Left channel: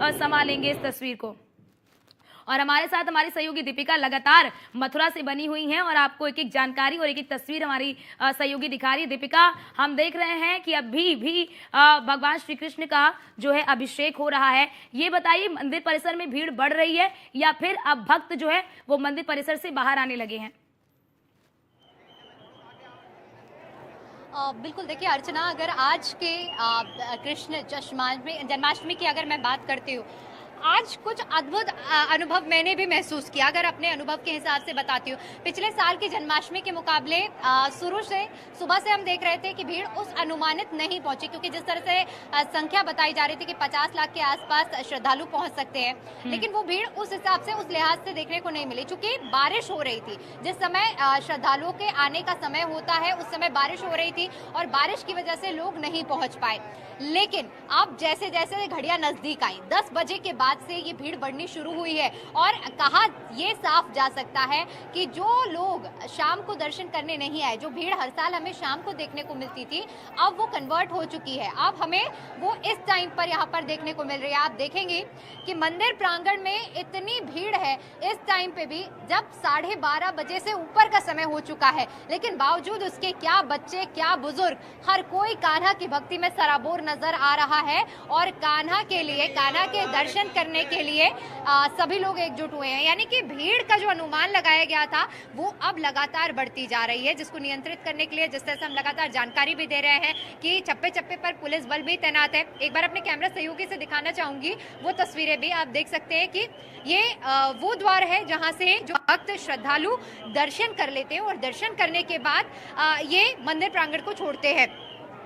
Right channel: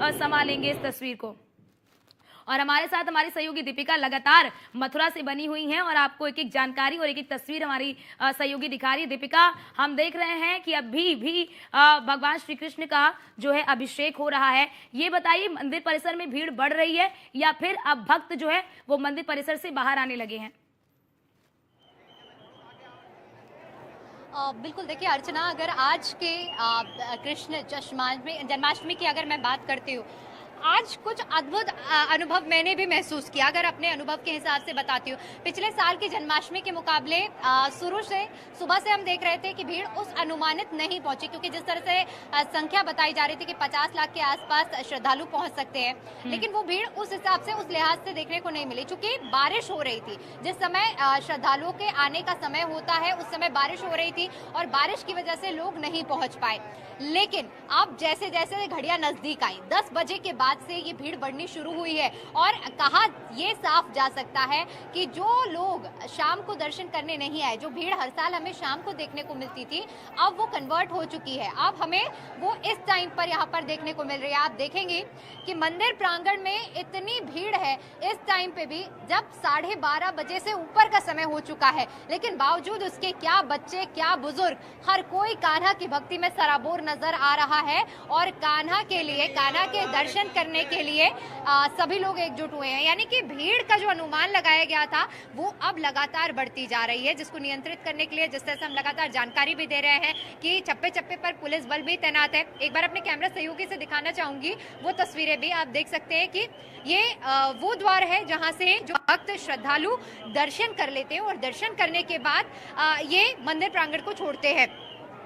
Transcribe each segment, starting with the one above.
संभालेंगे इस तस्वीर को। और हमारे साथ हमारी सहयोगी दीपिका लगातार मथुरा से बनी हुई हैं और आपको एक एक जानकारी और एक एक तस्वीर हमारी सहयोगी दिखा रही है। दीपिका, हम देख रहे हैं कि अभी भी भगवान श्री कृष्ण का जो है अभिषेक हो रहा है। ये बताइए, मंदिर परिसर में भीड़ बढ़ रही है या फिर अब भक्त जो है वो मंदिर परिसर से बाहर आने लगे हैं? बिल्कुल, देखिए अर्चना, अगर आज के कृष्ण जन्माष्टमी की अगर मैं बात करती हूँ, आज कुछ अद्भुत अनुभव मैंने भी महसूस किया। अगर अपने अनुभव के हिसाब से बताती हूँ, पिछले साल की जन्माष्टमी के मुकाबले शुरू से सुबह से हम देख रहे थे कि भीड़ उस अनुमानित नहीं पहुंची, क्योंकि जिस तरह से संख्या बताई जा रही थी कि 50 लाख के आसपास श्रद्धालु पहुंच सकते हैं, लेकिन वो भीड़ उस हिसाब से, उस लिहाज से देखने को नहीं मिली, क्योंकि बारिश हो रही थी। जिस समय श्रद्धालुओं के आने का समय होता है उस समय बारिश हो रही थी और बारिश की वजह से लोग नहीं पहुंच पाए। लेकिन अब जैसे जैसे घड़ियां नजदीक आई, 10 बजे के बाद से ये भीड़ बढ़नी शुरू हुई है और कहा ये साफ जा सकता है कि जो लोग शाम को दर्शन करने नहीं आए, जो भीड़ हर साल हमें शाम को देखने को मिलती थी, अब वो कन्वर्ट हो चुकी है। अब हमें वो इस टाइम पर यहाँ पर देखने को मिल रही है। आप देखेंगे कि मंदिर प्रांगण में इतनी भीड़ है इस टाइम पे भी, जब 12:30 बजे से ऊपर का समय हो चुका है, लेकिन बावजूद उसके क्या बच्चे क्या बुजुर्ग, हर कोई कान्हा की भक्ति में सराबोर नजर आ रहा है और कान्हा के लिए, कान्हा के दर्शन करने के लिए सभी लोग एकजुट हुए हैं। यानी कि भीड़ का जो अनुमान लगाया गया था वो अब लगातार बढ़ती जा रही है, जिसको नियंत्रित करने के लिए जिस तरह से हम लगातार जानकारी भी दे रहे हैं कि चप्पे चप्पे पर पुलिस बल भी तैनात है। एक बार अपने कैमरा सहयोगी से दिखाना चाहूंगी वो तस्वीरें भी। आप देख सकते हैं कि ये वो द्वार है जहां से जो भक्त श्रद्धालु दर्शन कर लेते हैं और दर्शन करने के बाद ये मंदिर प्रांगण को छोड़ते हैं।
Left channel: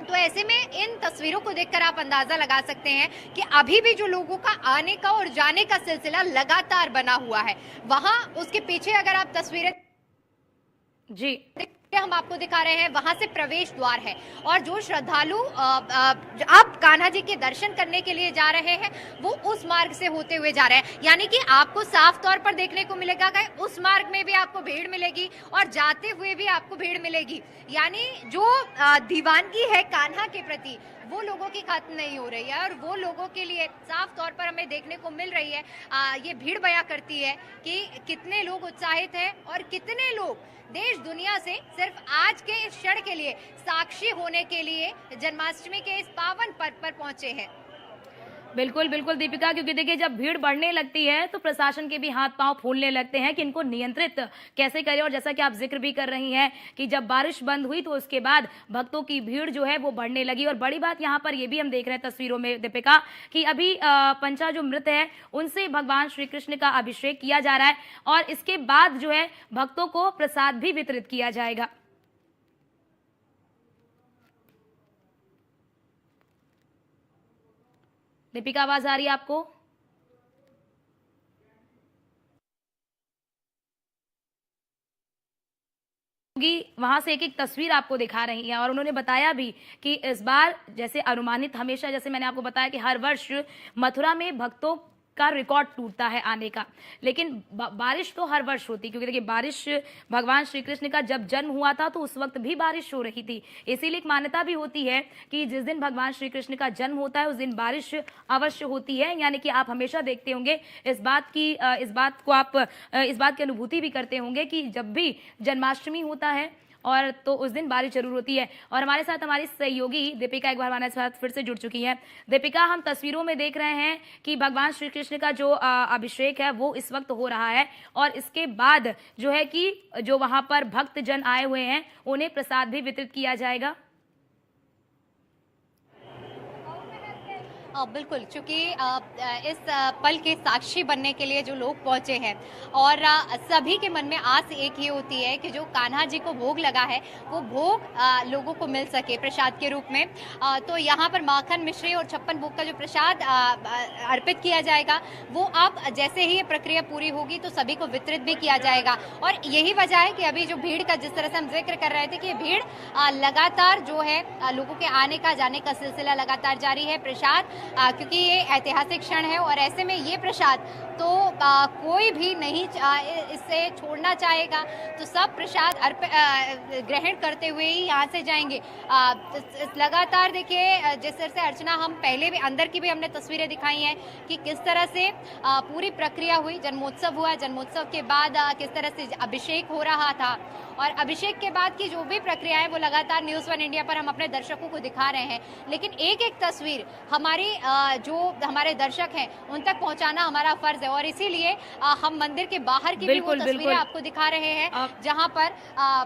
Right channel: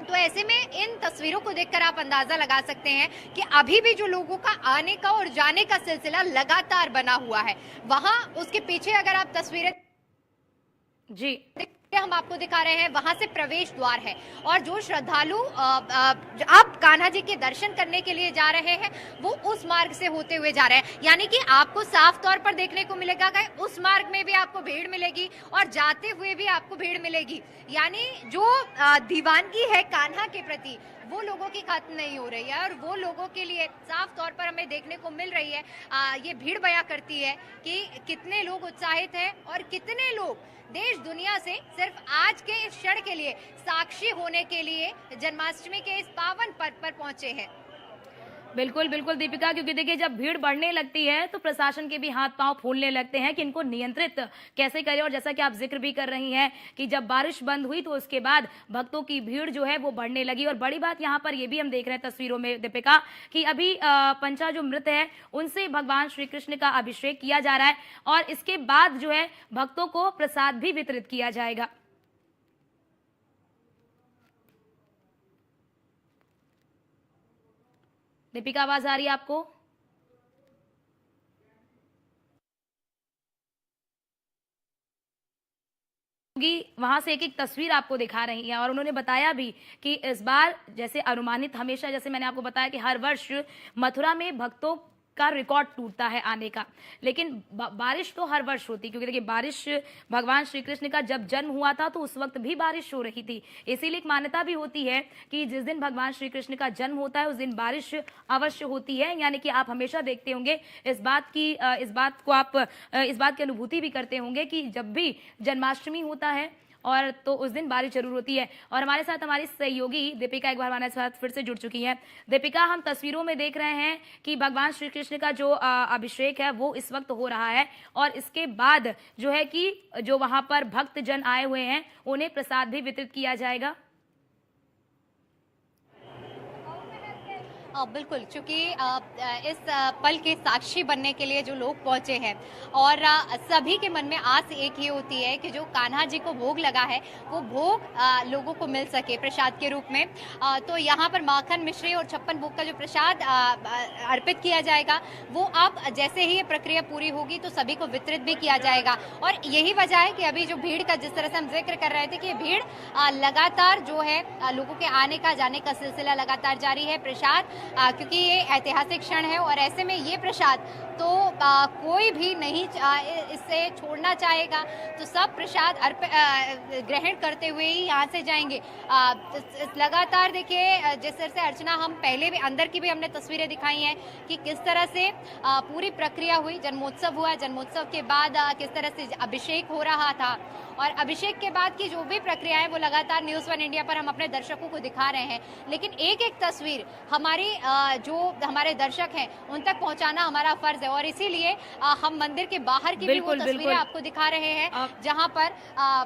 तो ऐसे में इन तस्वीरों को देखकर आप अंदाजा लगा सकते हैं कि अभी भी जो लोगों का आने का और जाने का सिलसिला लगातार बना हुआ है। वहां उसके पीछे अगर आप तस्वीरें जी हम आपको दिखा रहे हैं, वहां से प्रवेश द्वार है और जो श्रद्धालु अब कान्हा जी के दर्शन करने के लिए जा रहे हैं वो उस मार्ग से होते हुए जा रहे हैं। यानी कि आपको साफ तौर पर देखने को मिलेगा कि उस मार्ग में भी आपको भीड़ मिलेगी और जाते हुए भी आपको भीड़ मिलेगी। यानी जो दीवानगी है कान्हा के प्रति वो लोगों की खत्म नहीं हो रही है और वो लोगों के लिए साफ तौर पर हमें देखने को मिल रही है। ये भीड़ बयां करती है कि कितने लोग उत्साहित हैं और कितने लोग देश दुनिया से सिर्फ आज के इस क्षण के लिए साक्षी होने के लिए जन्माष्टमी के इस पावन पर्व पर पहुंचे हैं। बिल्कुल बिल्कुल दीपिका, क्योंकि देखिए जब भीड़ बढ़ने लगती है तो प्रशासन के भी हाथ पांव फूलने लगते हैं कि इनको नियंत्रित कैसे करें। और जैसा कि आप जिक्र भी कर रही हैं कि जब बारिश बंद हुई तो उसके बाद भक्तों की भीड़ जो है वो बढ़ने लगी। और बड़ी बात यहाँ पर ये भी हम देख रहे हैं तस्वीरों में दीपिका कि अभी पंचा जो मृत है उनसे भगवान श्री कृष्ण का अभिषेक किया जा रहा है और इसके बाद जो है भक्तों को प्रसाद भी वितरित किया जाएगा। दीपिका, आवाज आ रही है आपको? वहां से एक एक तस्वीर आपको दिखा रही है और उन्होंने बताया भी कि इस बार जैसे अनुमानित, हमेशा जैसे मैंने आपको बताया कि हर वर्ष मथुरा में भक्तों का रिकॉर्ड टूटता है आने का, लेकिन बारिश तो हर वर्ष होती, क्योंकि देखिए बारिश भगवान श्री कृष्ण का जब जन्म हुआ था तो उस वक्त भी बारिश हो रही थी। इसीलिए एक मान्यता भी होती है कि जिस दिन भगवान श्री कृष्ण का जन्म होता है उस दिन बारिश अवश्य होती है। यानी कि आप हमेशा देखते होंगे इस बात की अनुभूति भी करते होंगे कि जब भी जन्माष्टमी होता है और तो उस दिन बारिश जरूर होती है। और हमारे साथ हमारी सहयोगी दीपिका एक बार हमारे साथ फिर से जुड़ चुकी है। दीपिका, हम तस्वीरों में देख रहे हैं कि भगवान श्री कृष्ण का जो अभिषेक है वो इस वक्त हो रहा है और इसके बाद जो है कि जो वहां पर भक्त जन आए हुए हैं उन्हें प्रसाद भी वितरित किया जाएगा। बिल्कुल, क्योंकि इस पल के साक्षी बनने के लिए जो लोग पहुंचे हैं और सभी के मन में आस एक ही होती है कि जो कान्हा जी को भोग लगा है वो भोग लोगों को मिल सके प्रसाद के रूप में। तो यहाँ पर माखन मिश्री और 56 भोग का जो प्रसाद अर्पित किया जाएगा वो अब जैसे ही ये प्रक्रिया पूरी होगी तो सभी को वितरित भी किया जाएगा। और यही वजह है कि अभी जो भीड़ का जिस तरह से हम जिक्र कर रहे थे कि भीड़ लगातार जो है लोगों के आने का जाने का सिलसिला लगातार जारी है। प्रसाद क्योंकि ये ऐतिहासिक क्षण है और ऐसे में ये प्रसाद तो कोई भी नहीं इससे छोड़ना चाहेगा, तो सब प्रसाद ग्रहण करते हुए ही यहाँ से जाएंगे। लगातार देखिए जिस तरह से अर्चना, हम पहले भी अंदर की भी हमने तस्वीरें दिखाई हैं कि किस तरह से पूरी प्रक्रिया हुई, जन्मोत्सव हुआ, जन्मोत्सव के बाद किस तरह से अभिषेक हो रहा था और अभिषेक के बाद की जो भी प्रक्रिया है वो लगातार न्यूज़ 1 इंडिया पर हम अपने दर्शकों को दिखा रहे हैं। लेकिन एक एक तस्वीर जो हमारे दर्शक हैं उन तक पहुंचाना हमारा फर्ज है और इसीलिए हम मंदिर के बाहर की भी वो तस्वीरें आपको दिखा रहे हैं जहां पर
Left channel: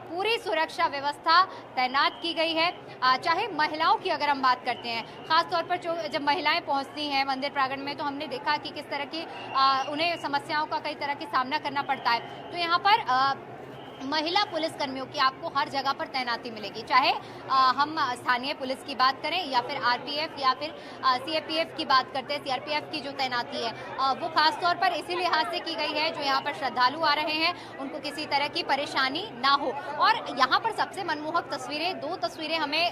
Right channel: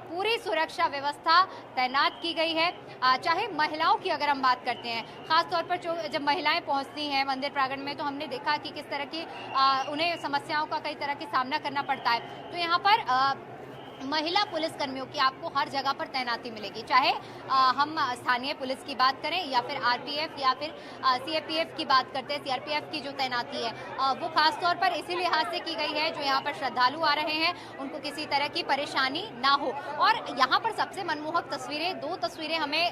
पूरी सुरक्षा व्यवस्था तैनात की गई है। चाहे महिलाओं की अगर हम बात करते हैं, खासतौर पर जब महिलाएं पहुंचती हैं मंदिर प्रांगण में, तो हमने देखा कि किस तरह की उन्हें समस्याओं का कई तरह की सामना करना पड़ता है। तो यहाँ पर महिला पुलिस कर्मियों की आपको हर जगह पर तैनाती मिलेगी, चाहे हम स्थानीय पुलिस की बात करें या फिर आरपीएफ या फिर सीआरपीएफ की बात करते हैं। सीआरपीएफ की जो तैनाती है वो खास तौर पर इसी लिहाज से की गई है जो यहाँ पर श्रद्धालु आ रहे हैं उनको किसी तरह की परेशानी ना हो। और यहाँ पर सबसे मनमोहक तस्वीरें, दो तस्वीरें हमें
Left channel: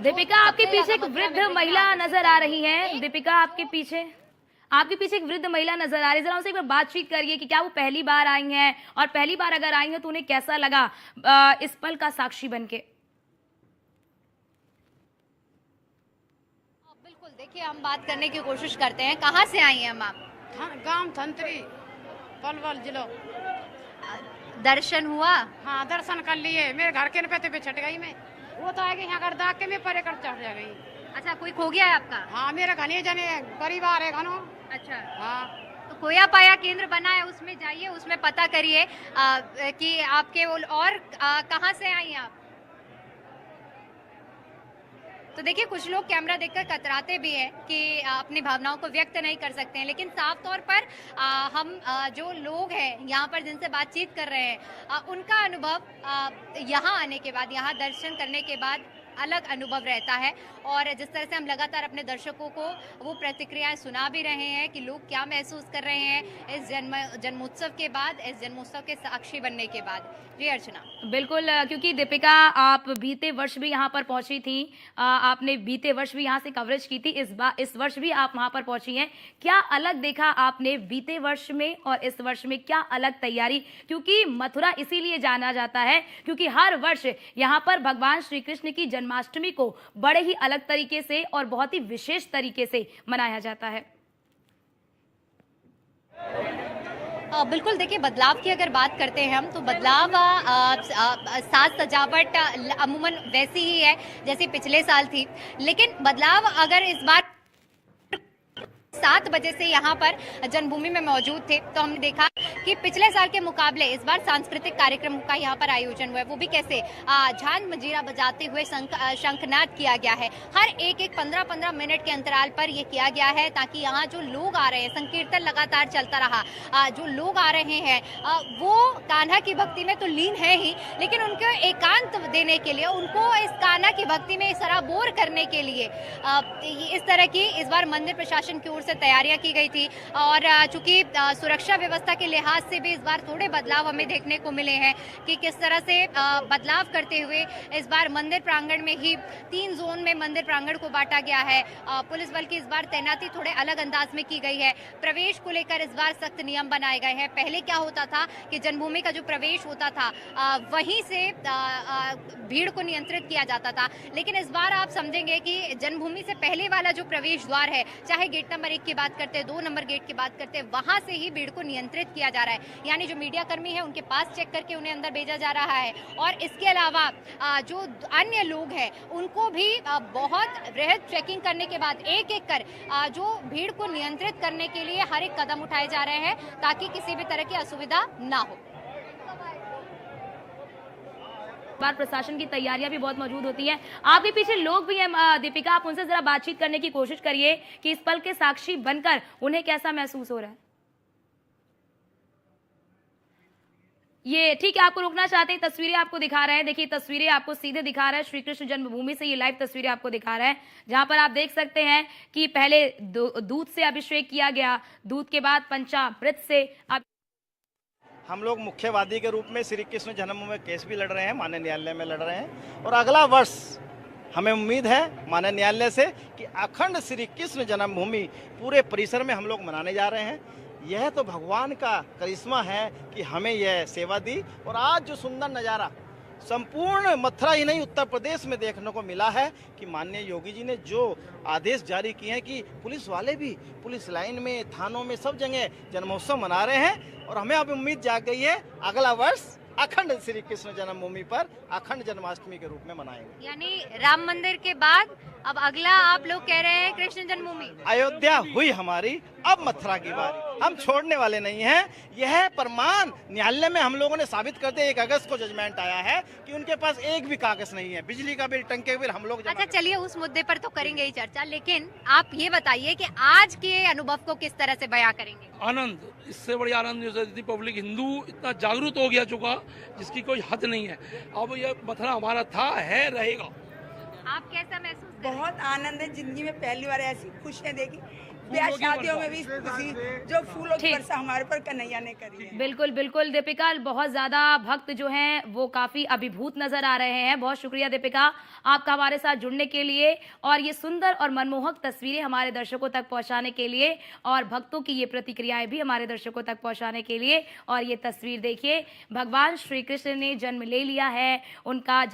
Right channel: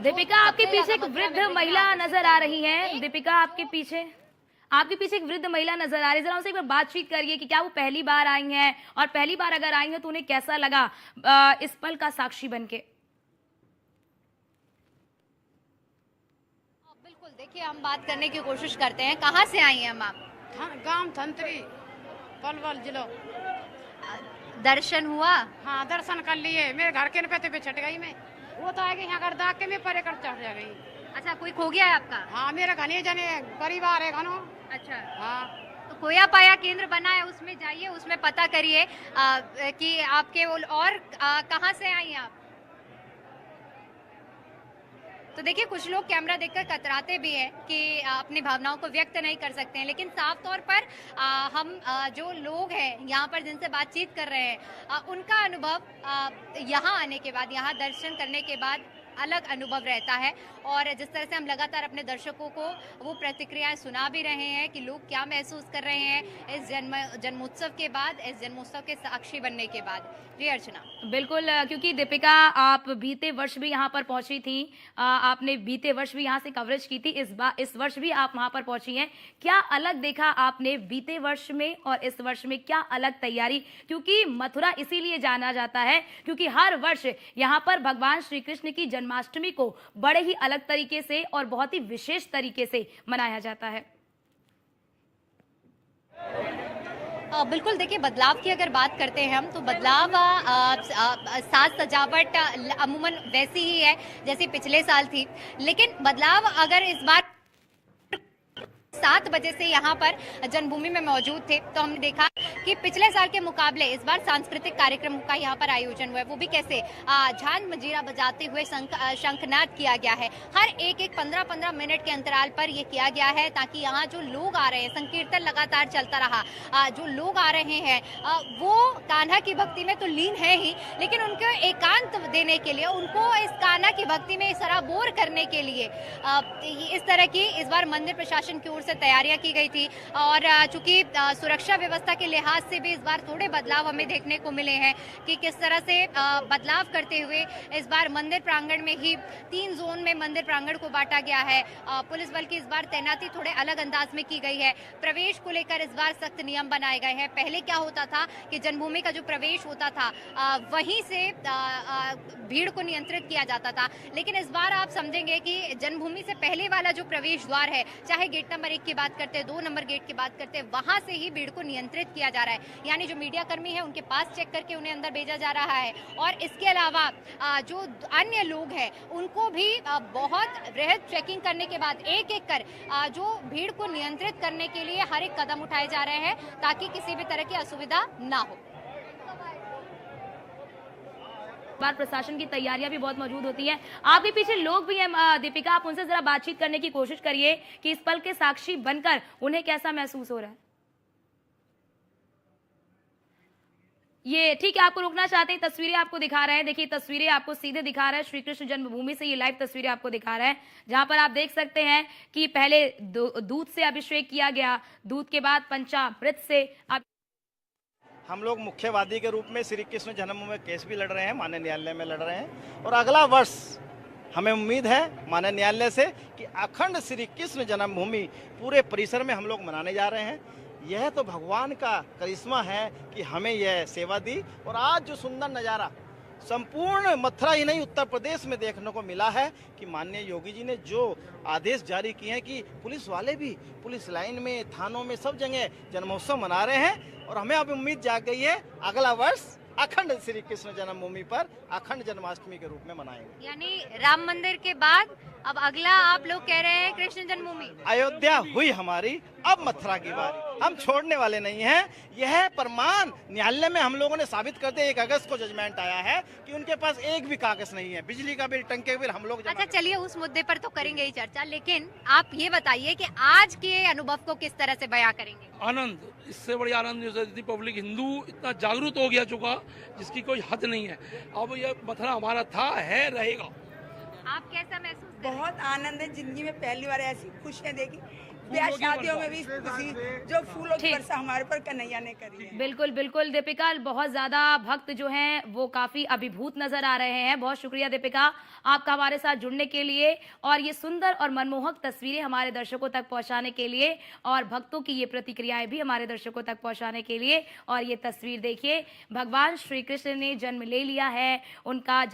दीपिका, आपके पीछे एक वृद्ध महिला नजर आ रही है। दीपिका, आपके पीछे एक वृद्ध महिला नजर आ रही है। जरा उनसे एक बार बातचीत करिए कि क्या वो पहली बार आई हैं और पहली बार अगर आई हैं तो उन्हें कैसा लगा इस पल का साक्षी बनके। बिल्कुल, देखिए हम बात करने की कोशिश करते हैं। कहाँ से आई हैं आप? गांव थंतरी, पलवल जिला। दर्शन हुआ? हाँ, दर्शन कर लिए। मेरे घर के पे छट गई मैं, वो तो आगे यहाँ कर दाग के मैं परे कर चढ़ गई। अच्छा, कोई खो गया है आपका? हाँ, मेरे घने जने परिवार है घनो। अच्छा, हाँ, तो खोया पाया केंद्र बना है, उसमें जाइए, उसमें पता करिए कि आपके और कहाँ से आई आप। तो देखिए कुछ लोग कैमरा देखकर कतराते भी हैं कि अपनी भावनाओं को व्यक्त नहीं कर सकते हैं, लेकिन साफ तौर पर हम जो लोग हैं यहाँ पर जिनसे बातचीत कर रहे हैं उनका अनुभव यहाँ आने के बाद, यहाँ दर्शन करने के बाद अलग अनुभव रहता है। और जिस तरह से हम लगातार अपने दर्शकों को वो प्रतिक्रियाएं सुना भी रहे हैं कि लोग क्या महसूस कर रहे हैं इस जन्मोत्सव के बाद, इस जन्मोत्सव के साक्षी बनने के बाद। जी अर्चना। बिल्कुल, क्योंकि दीपिका आप बीते वर्ष भी यहाँ पर पहुंची थी, आपने बीते वर्ष भी यहाँ से कवरेज की थी, इस वर्ष भी आप वहाँ पर पहुंची हैं। क्या अलग देखा आपने बीते वर्ष में और इस वर्ष में, क्या अलग तैयारी? क्योंकि मथुरा इसीलिए जाना जाता है क्योंकि हर वर्ष यहाँ पर भगवान श्री कृष्ण की जन्माष्टमी को बड़े ही अलग तरीके से और बहुत ही विशेष तरीके से मनाया जाता है। बिल्कुल, देखिए बदलाव की अगर बात करते हैं हम, तो बदलाव साज सजावट अमूमन वैसी ही है जैसी पिछले साल थी, लेकिन बदलाव अगर इस बार 7 बजे से यहाँ पर जन्मभूमि में मौजूद थे तो हमने देखा कि पिछले साल के मुकाबले इस बार सांस्कृतिक कार्यक्रम का यहाँ पर आयोजन हुआ है। वो भी कैसे? झांझ मंजीरा बजाते हुए शंखनाद किया गया है। हर एक 15-15 मिनट के अंतराल पर ये किया गया है ताकि यहाँ जो लोग आ रहे हैं, संकीर्तन लगातार चलता रहा, जो लोग आ रहे हैं वो कान्हा की भक्ति में तो लीन है ही, लेकिन उनको एकांत देने के लिए, उनको इस कान्हा की भक्ति में सराबोर करने के लिए इस तरह की इस बार मंदिर प्रशासन की ओर से तैयारियां की गई थी। और चूंकि सुरक्षा व्यवस्था के लिहाज से भी इस बार थोड़े बदलाव हमें देखने को मिले हैं कि किस तरह से बदलाव करते हुए इस बार मंदिर प्रांगण में ही 3 जोन में मंदिर प्रांगण को बांटा गया है। पुलिस बल की इस बार तैनाती थोड़े अलग अंदाज में की गई है। प्रवेश को लेकर इस बार सख्त नियम बनाए गए हैं। पहले क्या होता था कि जन्मभूमि का जो प्रवेश होता था वहीं से भीड़ को नियंत्रित किया जाता था, लेकिन इस बार आप समझेंगे कि जन्मभूमि से पहले वाला जो प्रवेश द्वार है, चाहे गेट नंबर 1 की बात करते हैं, 2 नंबर गेट की बात करते हैं, वहां से ही भीड़ को नियंत्रित किया जा रहा है। यानी जो मीडिया कर्मी है उनके पास चेक करके उन्हें अंदर भेजा जा रहा है। और इसके अलावा जो अन्य लोग हैं उनको भी बहुत वृहद चेकिंग करने के बाद एक एक कर जो भीड़ को नियंत्रित करने के लिए हर एक कदम उठाए जा रहे हैं ताकि किसी भी तरह की असुविधा ना हो। बार प्रशासन की तैयारियां भी बहुत मौजूद होती हैं। आपके पीछे लोग भी हैं दीपिका, आप उनसे जरा बातचीत करने की कोशिश करिए कि इस पल के साक्षी बनकर उन्हें कैसा महसूस हो रहा है। ये ठीक है, आपको रोकना चाहते हैं, तस्वीरें आपको दिखा रहे हैं। देखिए तस्वीरें आपको सीधे दिखा रहा है श्री कृष्ण जन्मभूमि से, ये लाइव तस्वीरें आपको दिखा रहा है जहां पर आप देख सकते हैं कि पहले दूध से अभिषेक किया गया, दूध के बाद पंचामृत से हम लोग मुख्यवादी के रूप में श्री कृष्ण जन्मभूमि में केस भी लड़ रहे हैं, माननीय न्यायालय में लड़ रहे हैं और अगला वर्ष हमें उम्मीद है माननीय न्यायालय से कि अखंड श्री कृष्ण जन्मभूमि पूरे परिसर में हम लोग मनाने जा रहे हैं। यह तो भगवान का करिश्मा है कि हमें यह सेवा दी। और आज जो सुंदर नज़ारा संपूर्ण मथुरा ही नहीं उत्तर प्रदेश में देखने को मिला है कि माननीय योगी जी ने जो आदेश जारी किए हैं कि पुलिस वाले भी पुलिस लाइन में, थानों में, सब जगह जन्मोत्सव मना रहे हैं। और हमें अब उम्मीद जाग गई है अगला वर्ष अखंड श्री कृष्ण जन्मभूमि पर अखंड जन्माष्टमी के रूप में मनाएंगे। यानी राम मंदिर के बाद अब अगला आप लोग कह रहे हैं कृष्ण जन्मभूमि। अयोध्या हुई हमारी, अब मथुरा की बारी। हम छोड़ने वाले नहीं हैं। यह प्रमाण न्यायालय में हम लोगों ने साबित कर दिया। 1 अगस्त को जजमेंट आया है कि उनके पास एक भी कागज नहीं है। बिजली का बिल, टंके का बिल हम लोग अच्छा, चलिए उस मुद्दे पर तो करेंगे ही चर्चा, लेकिन आप ये बताइए कि आज के अनुभव को किस तरह से बयां करेंगे। आनंद, इससे बड़ी आनंद नहीं। पब्लिक हिंदू इतना जागरूक हो गया चुका जिसकी कोई हद नहीं है। अब ये मथुरा हमारा था, है, रहेगा। आप कैसा महसूस कर रहे हैं? बहुत आनंद है, जिंदगी में पहली बार ऐसी खुशियाँ देखी। ब्याह शादियों में भी खुशी, जो फूलों की ठीक। वर्षा हमारे पर कन्हैया ने करी है। बिल्कुल बिल्कुल दीपिका, बहुत ज्यादा भक्त जो हैं वो काफी अभिभूत नजर आ रहे हैं। बहुत शुक्रिया दीपिका आपका हमारे साथ जुड़ने के लिए और ये सुंदर और मनमोहक तस्वीरें हमारे दर्शकों तक पहुंचाने के लिए और भक्तों की ये प्रतिक्रियाएं भी हमारे दर्शकों तक पहुंचाने के लिए। और ये तस्वीर देखिए, भगवान श्री कृष्ण ने जन्म ले लिया है, उनका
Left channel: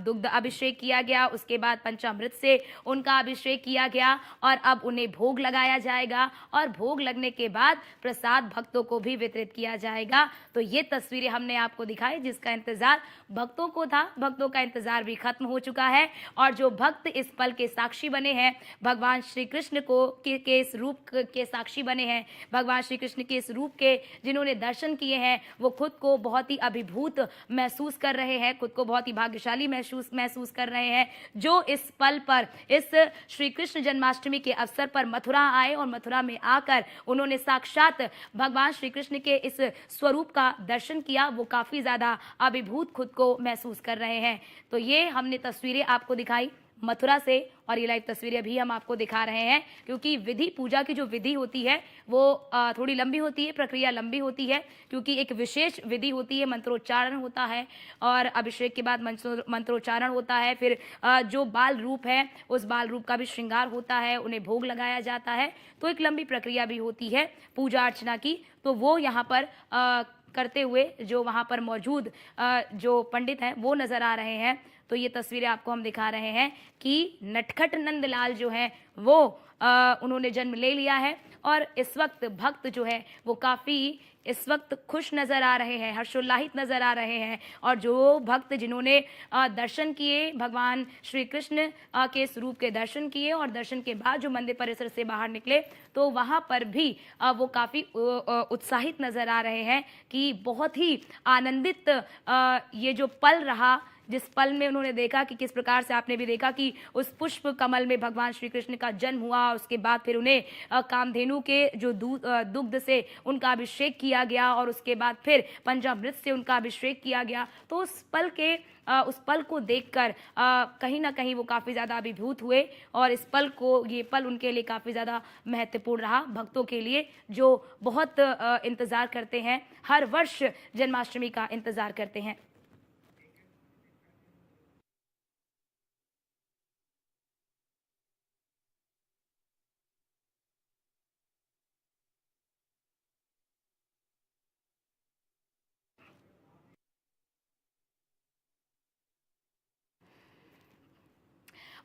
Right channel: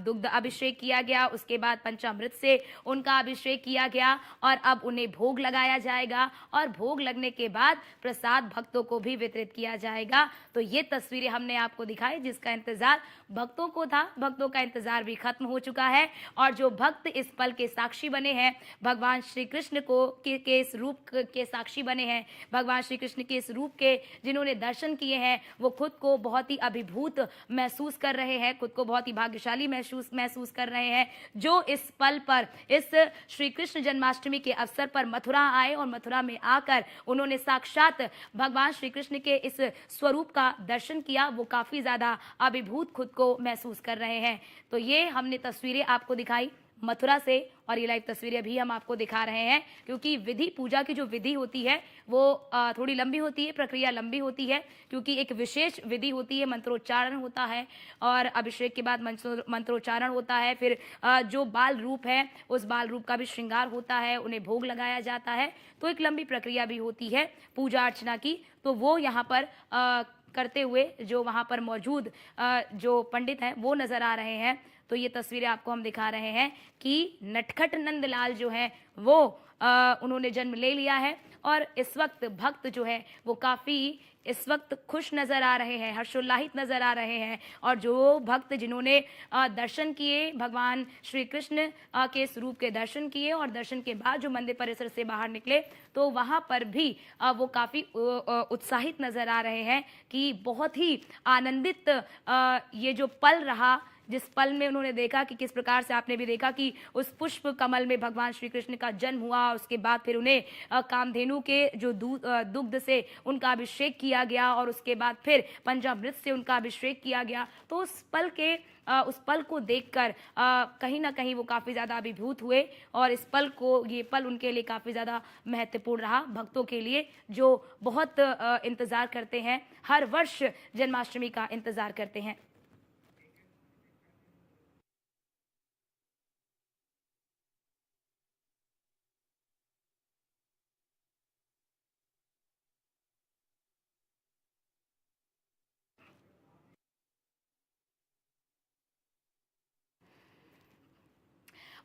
दुग्ध अभिषेक किया गया, उसके बाद पंचामृत से उनका अभिषेक किया गया और अब उन्हें भोग लगाया जाएगा और भोग लगने के बाद प्रसाद भक्तों को भी वितरित किया जाएगा। तो ये तस्वीरें हमने आपको दिखाई जिसका इंतजार भक्तों को था। भक्तों का इंतजार भी खत्म हो चुका है और जो भक्त इस पल के साक्षी बने हैं, भगवान श्री कृष्ण के इस रूप के साक्षी बने हैं, भगवान श्री कृष्ण के इस रूप के जिन्होंने दर्शन किए हैं, वो खुद को बहुत ही अभिभूत महसूस कर रहे हैं, खुद को बहुत ही भाग्यशाली महसूस कर रहे हैं, जो इस पल पर, इस श्री कृष्ण जन्माष्टमी के अवसर पर मथुरा आए और मथुरा में आकर उन्होंने साक्षात भगवान श्री कृष्ण के इस स्वरूप का दर्शन किया। वो काफी ज्यादा अभिभूत खुद को महसूस कर रहे हैं। तो ये हमने तस्वीरें आपको दिखाई मथुरा से और ये लाइव तस्वीरें भी हम आपको दिखा रहे हैं क्योंकि विधि, पूजा की जो विधि होती है वो थोड़ी लंबी होती है, प्रक्रिया लंबी होती है क्योंकि एक विशेष विधि होती है, मंत्रोच्चारण होता है और अभिषेक के बाद मंत्रोच्चारण होता है। फिर जो बाल रूप है उस बाल रूप का भी श्रृंगार होता है, उन्हें भोग लगाया जाता है। तो एक लंबी प्रक्रिया भी होती है पूजा अर्चना की। तो वो यहाँ पर करते हुए जो वहाँ पर मौजूद जो पंडित हैं वो नजर आ रहे हैं। तो ये तस्वीरें आपको हम दिखा रहे हैं कि नटखट नंदलाल जो है वो उन्होंने जन्म ले लिया है और इस वक्त भक्त जो है वो काफी इस वक्त खुश नजर आ रहे हैं, हर्षोल्लाहित नजर आ रहे हैं। और जो भक्त जिन्होंने दर्शन किए, भगवान श्री कृष्ण के स्वरूप के दर्शन किए और दर्शन के बाद जो मंदिर परिसर से बाहर निकले तो वहां पर भी वो काफी उत्साहित नजर आ रहे हैं कि बहुत ही आनंदित ये जो पल रहा, जिस पल में उन्होंने देखा कि किस प्रकार से आपने भी देखा कि उस पुष्प कमल में भगवान श्री कृष्ण का जन्म हुआ, उसके बाद फिर उन्हें कामधेनु के जो दुग्ध से उनका अभिषेक किया गया और उसके बाद फिर पंचामृत से उनका अभिषेक किया गया। तो उस पल को देखकर कहीं ना कहीं वो काफी ज्यादा अभिभूत हुए और इस पल को, ये पल उनके लिए काफी ज्यादा महत्वपूर्ण रहा, भक्तों के लिए जो बहुत इंतजार करते हैं, हर वर्ष जन्माष्टमी का इंतजार करते हैं।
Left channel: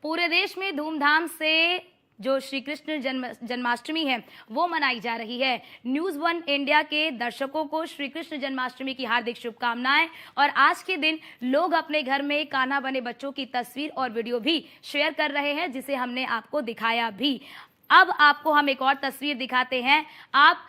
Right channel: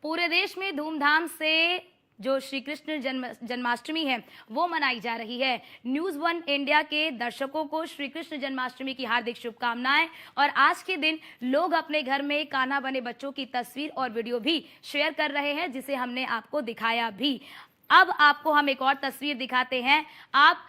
पूरे देश में धूमधाम से जो श्री कृष्ण जन्माष्टमी है वो मनाई जा रही है। न्यूज़ 1 इंडिया के दर्शकों को श्री कृष्ण जन्माष्टमी की हार्दिक शुभकामनाएं। और आज के दिन लोग अपने घर में कान्हा बने बच्चों की तस्वीर और वीडियो भी शेयर कर रहे हैं जिसे हमने आपको दिखाया भी। अब आपको हम एक और तस्वीर दिखाते हैं। आप